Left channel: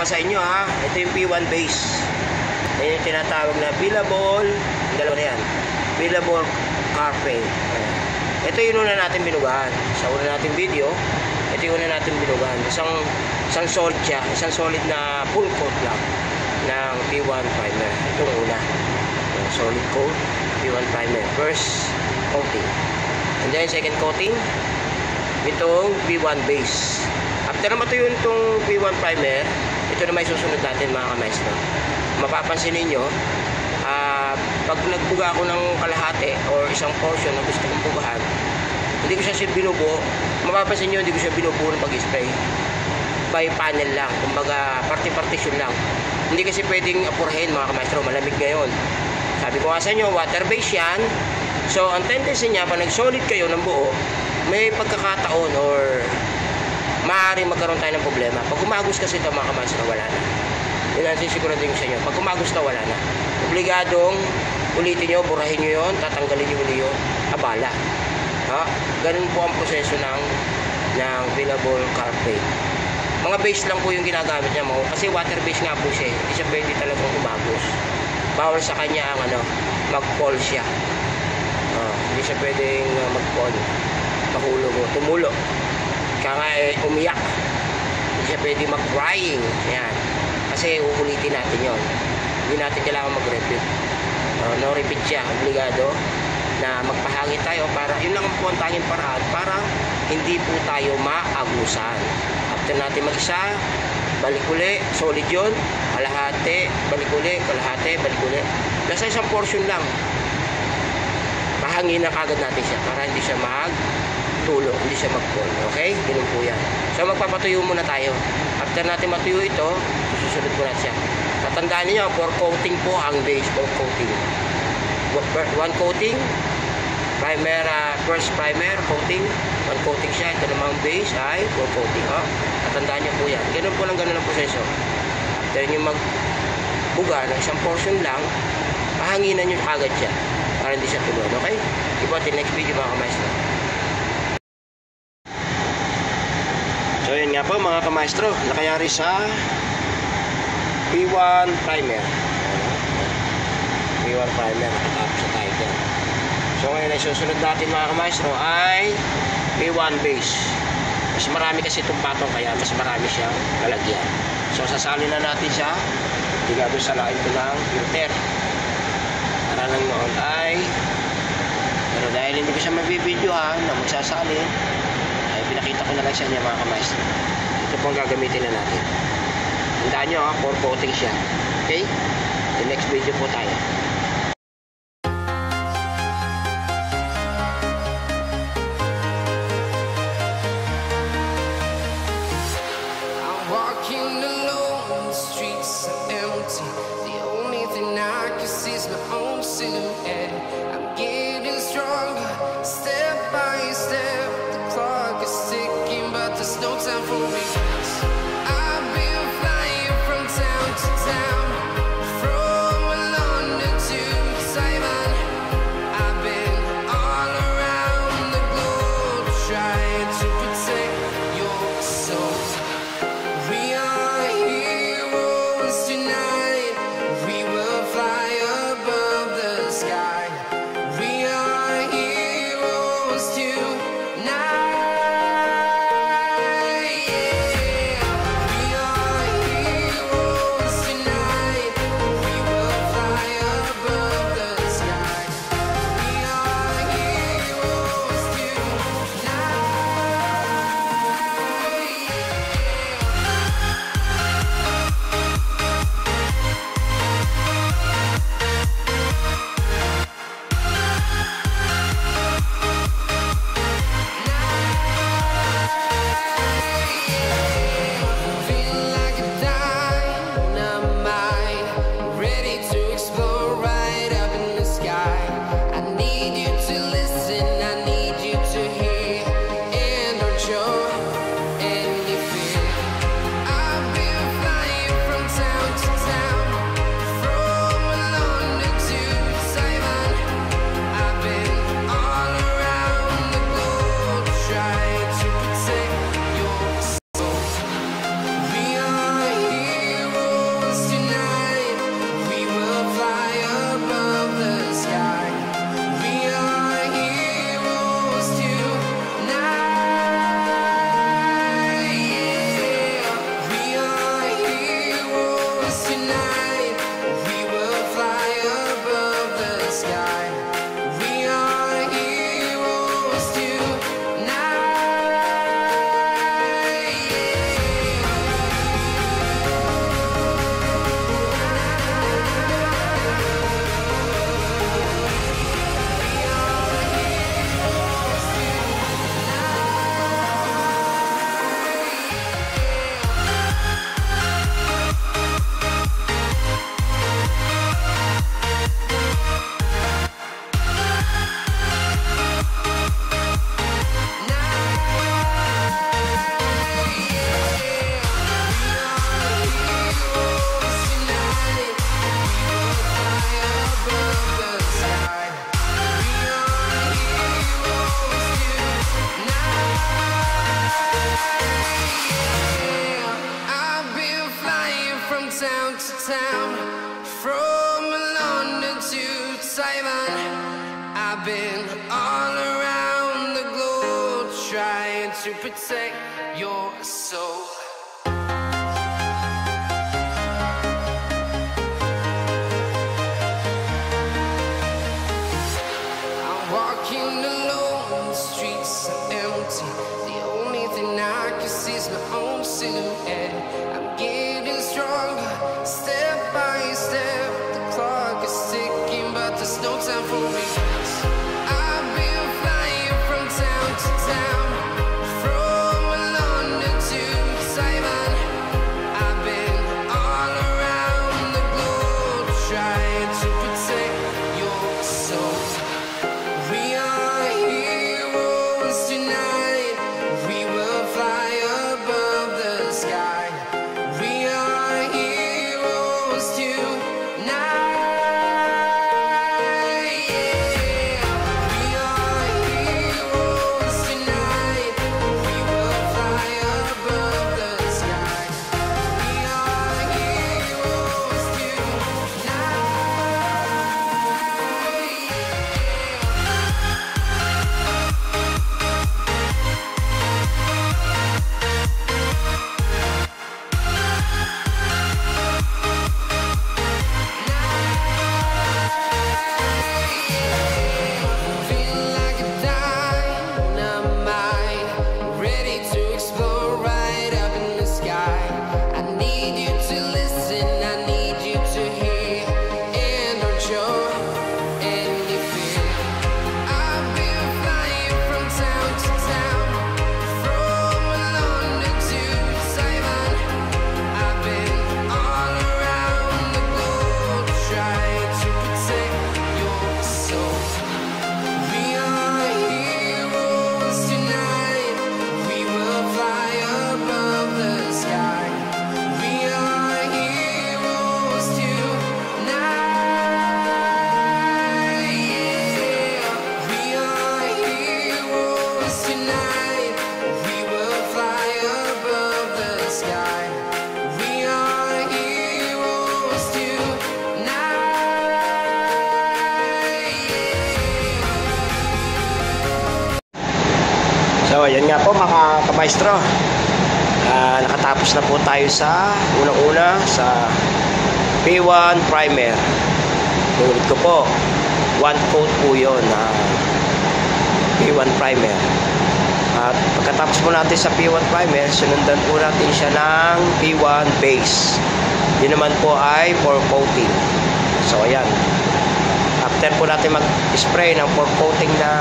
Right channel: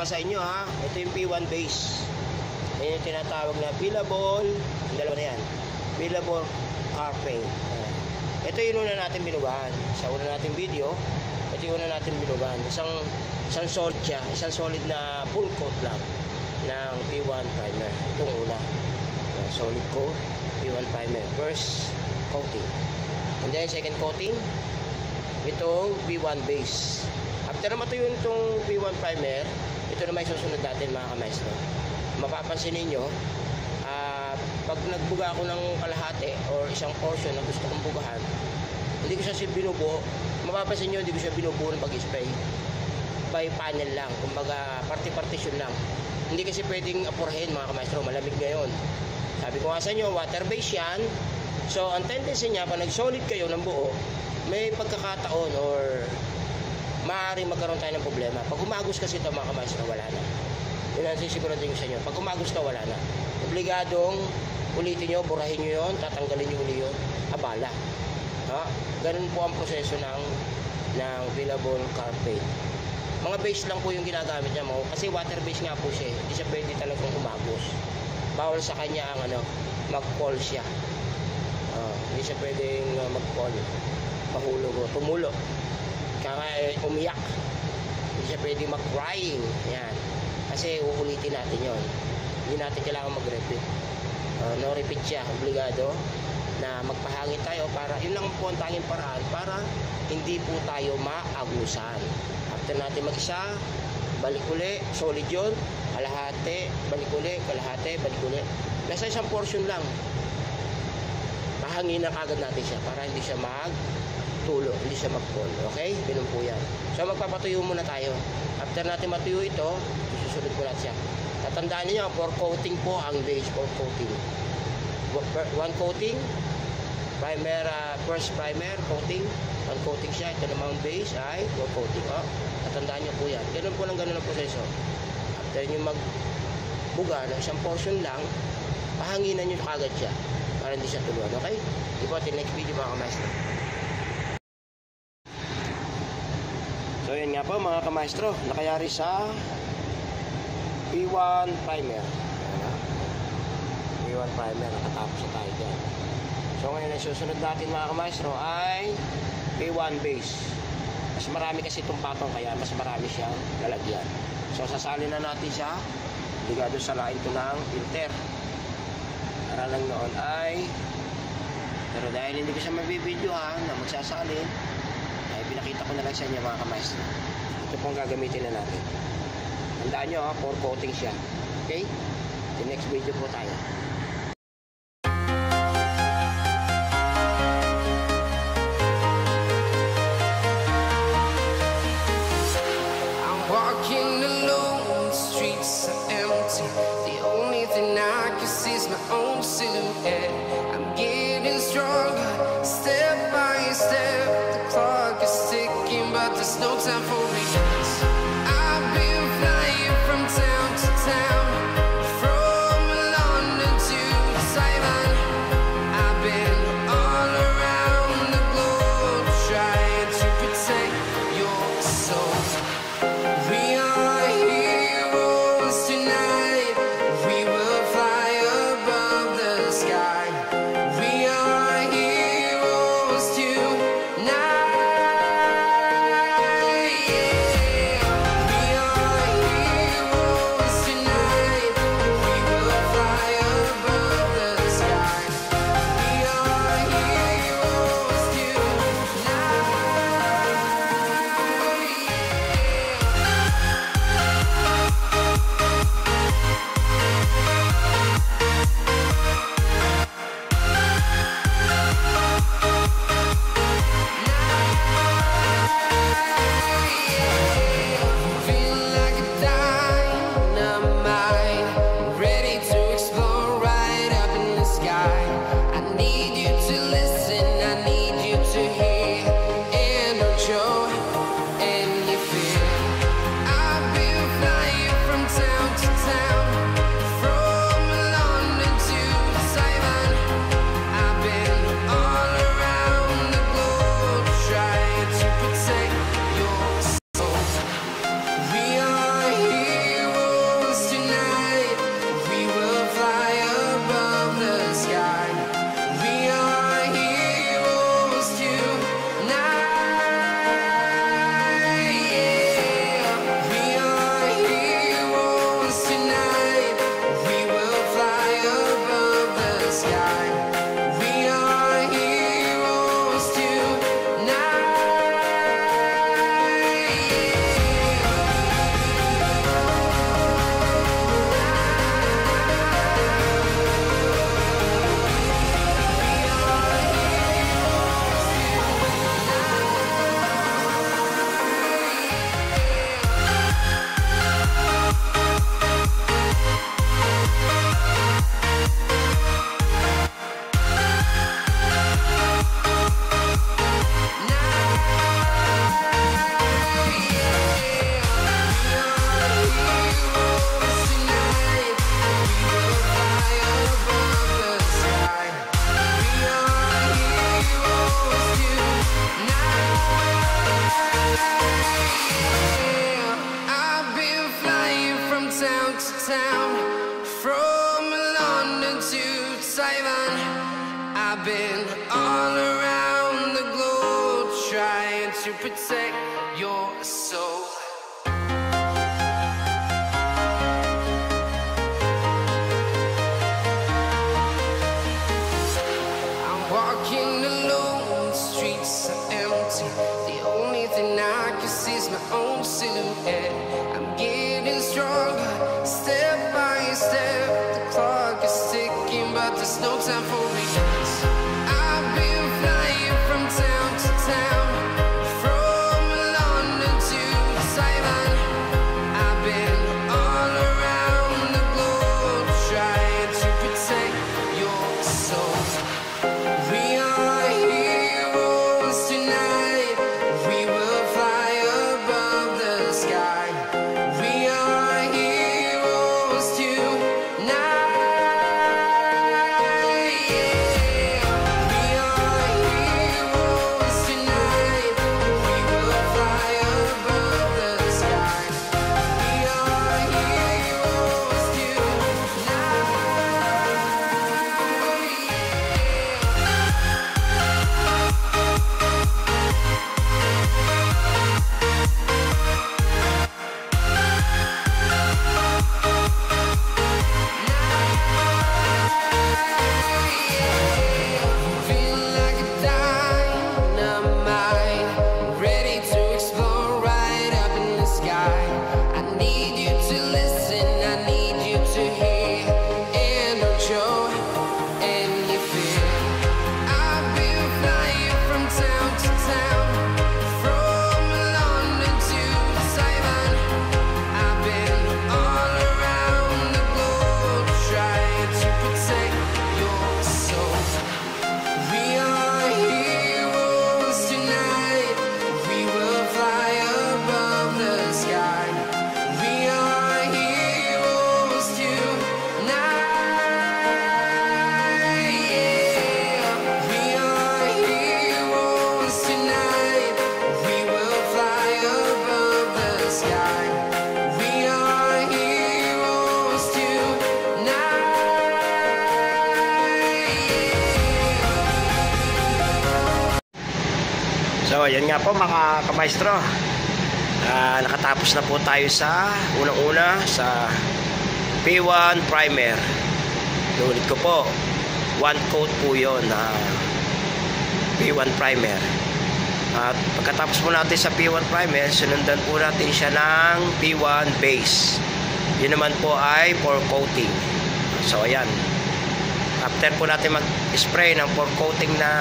pa sa inyo ha. Ito yung P1 base. Yan yung tinatawag na billable. Dalawa na yan. Billable carpet. Ito yung una natin binugahan. Sa una natin video, ito yung una natin binugahan. Isang solid siya. Isang solid na full coat lang ng P1 primer. Ito yung una. Solid coat, P1 primer. First coating. And then second coating, itong P1 base. After na matuyo itong P1 primer, ito na may susunod natin mga kamaestro. Mapapansin ninyo, pag nagbuga ako ng kalahati or isang portion na gusto kong bugahan, hindi ko siya binubuo. Mapapansin nyo, hindi ko siya binubuo ng pag-spray. By panel lang, kumbaga party-partition lang. Hindi kasi pwedeng apurahin mga kamaestro, malamig ngayon. Sabi ko nga sa inyo, water base yan. So, ang tendency niya, pag nag-solid kayo ng buo, may pagkakataon or maaaring magkaroon tayo ng problema. Pag umagos kasi ito mga kamaestro, wala na. Yun ang sisiguraduhin ko sa inyo. Pag umagos na, wala na. Obligadong ulitin nyo, burahin nyo yun, tatanggalin nyo uli yun, abala. Ha? Ganun po ang proseso ng billable carpet. Mga base lang po yung ginagamit niya mo. Kasi water base nga po siya. Hindi siya pwede talagang umagos. Bawal sa kanya ang mag-fall siya. Hindi siya pwedeng mag-fall. Mahulog o tumulo. Kaya umiyak. Hindi siya pwede mag-crying. Yan. Kasi uulitin natin yon. Hindi natin kailangan mag-repeat. No repeat siya. Obligado na magpahangin tayo para yun lang po ang tanging paraan para hindi po tayo maagusan. After natin mag-isa, balik uli, solid yun, kalahati, balik uli, kalahati, balik uli. Basta isang portion lang. Pahangin na kagad natin siya para hindi siya magtulo, hindi siya mag-fall. Okay? Ganun po yan. So magpapatuyo muna tayo. After natin matuyo ito, susunod po natin siya. Tatandaan niyo, 4 coating po ang base, 4 coating. 1 coating, primer, first primer, coating, 1 coating siya. Ito namang base ay 4 coating. Tatandaan niyo po yan. Ganun po lang ganun ang proseso. After nyo magbuga ng isang portion lang, pahanginan nyo agad siya para hindi siya tulog. Okay? Ipo natin next video mga kamaestro. So yun nga po mga kamaestro, nakayari sa P1 primer. P1 primer, nakatapos sa tayo dyan. So ngayon ay susunod natin mga kamaestro ay P1 base. Mas marami kasi itong patong kaya mas marami siyang lalagyan. So sasali na natin siya ligado sa lain ito ng filter. Para lang noon ay pero dahil hindi ko siya mabibidyohan na magsasalin ay pinakita ko na lang sa inyo mga kamaestro. Ito po ang gagamitin na natin. Tandaan nyo 4 coating siya. Okay? The next video po tayo. Walking alone, the streets are empty. The only thing I can see is my own silhouette. I'm getting stronger, step by step. The clock is ticking, but there's no time for regrets. I've been flying from town to town, from London to Taiwan. I've been all around the globe, trying to protect your soul. We are heroes tonight. We will fly above the sky. We are heroes tonight. Yeah. from town to town, from London to Taiwan. I've been all around the globe trying to protect your soul. I'm walking alone, the streets are empty. The only thing I can see is my own silhouette. I'm getting stronger, step by step. The clock is ticking, but there's no time for regrets. I've been flying from town to town, from London to Taiwan. I've been all around the globe trying to protect your soul. We are heroes tonight. We will fly above the sky. We are heroes tonight. Yeah. We are heroes tonight. We will fly above the sky. We are heroes tonight. Feel like a dynamite, ready to explode right up in the sky. I need you to listen, I need you to hear, and don't show any fear. I've been flying from town to town, from London to Taiwan. I've been all around the globe trying to protect your soul. We are heroes tonight. We will fly above the sky. We are heroes tonight. Yeah. We are heroes tonight. We will fly above the sky. We are heroes tonight. Yeah. So, ayan nga po mga kamaestro. Nakatapos na po tayo sa unang-una sa P1 primer. Ulit ko po, one coat po yun, P1 primer. At pagkatapos po natin sa P1 primer, sunundan po natin siya ng P1 base. Yun naman po ay for coating. So, ayan. After po natin mag-spray ng for coating na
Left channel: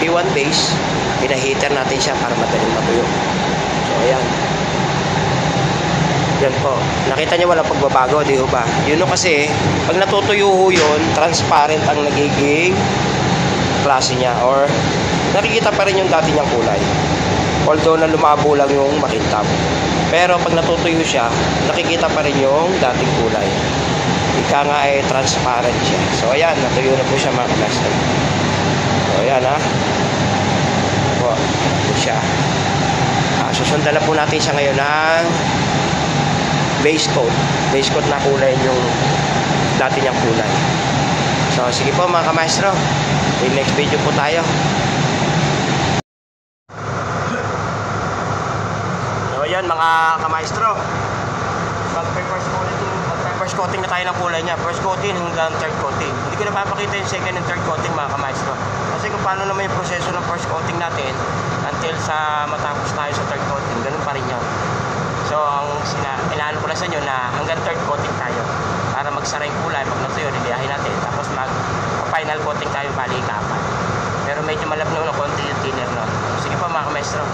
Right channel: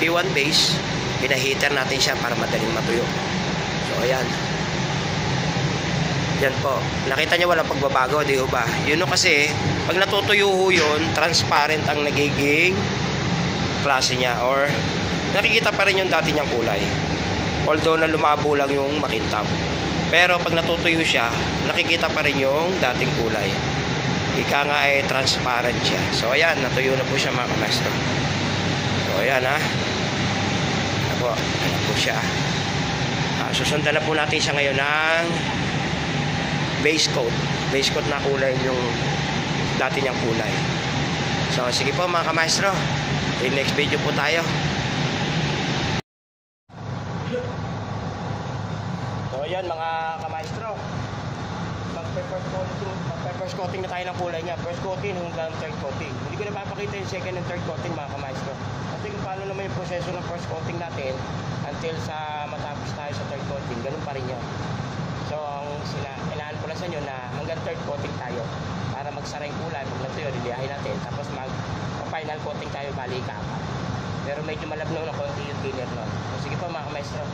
P1 base, pinaheater natin siya para madaling matuyo. So, ayan. Yan po. Nakita niyo walang pagbabago, di ba? Yun o kasi, pag natutuyo ho yun, transparent ang nagiging klase niya or nakikita pa rin yung dati niyang kulay. Although na lumabo lang yung makintab. Pero pag natutuyo siya, nakikita pa rin yung dating kulay. Ika nga ay transparent siya. So, ayan. Natuyo na po siya mga kamaestro. So, ayan ha. Ito po siya. Susundan na po natin siya ngayon ng base coat. Base coat na kulay yung dati niyang kulay. So, sige po mga kamaestro. In next video po tayo. So, ayan mga kamaestro. First coating na tayo ng kulay niya. First coating hanggang third coating. Hindi ko na papakita yung second and third coating mga kamaestro. Kasi kung paano naman yung proseso ng first coating natin until sa matapos tayo sa third coating, ganun pa rin yun. So, ang inaano ko na sa inyo na hanggang third coating tayo para magsara yung kulay. Pag natuyo, liliyahin natin. Tapos mag-final coating tayo, bali ika-apat. Pero medyo malabno na konti yung thinner nun. Sige po mga kamaestro.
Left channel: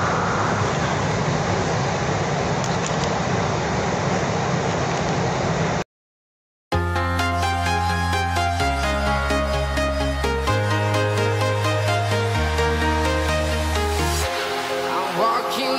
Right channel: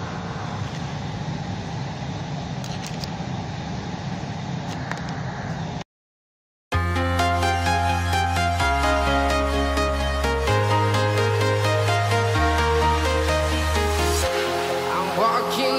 Walking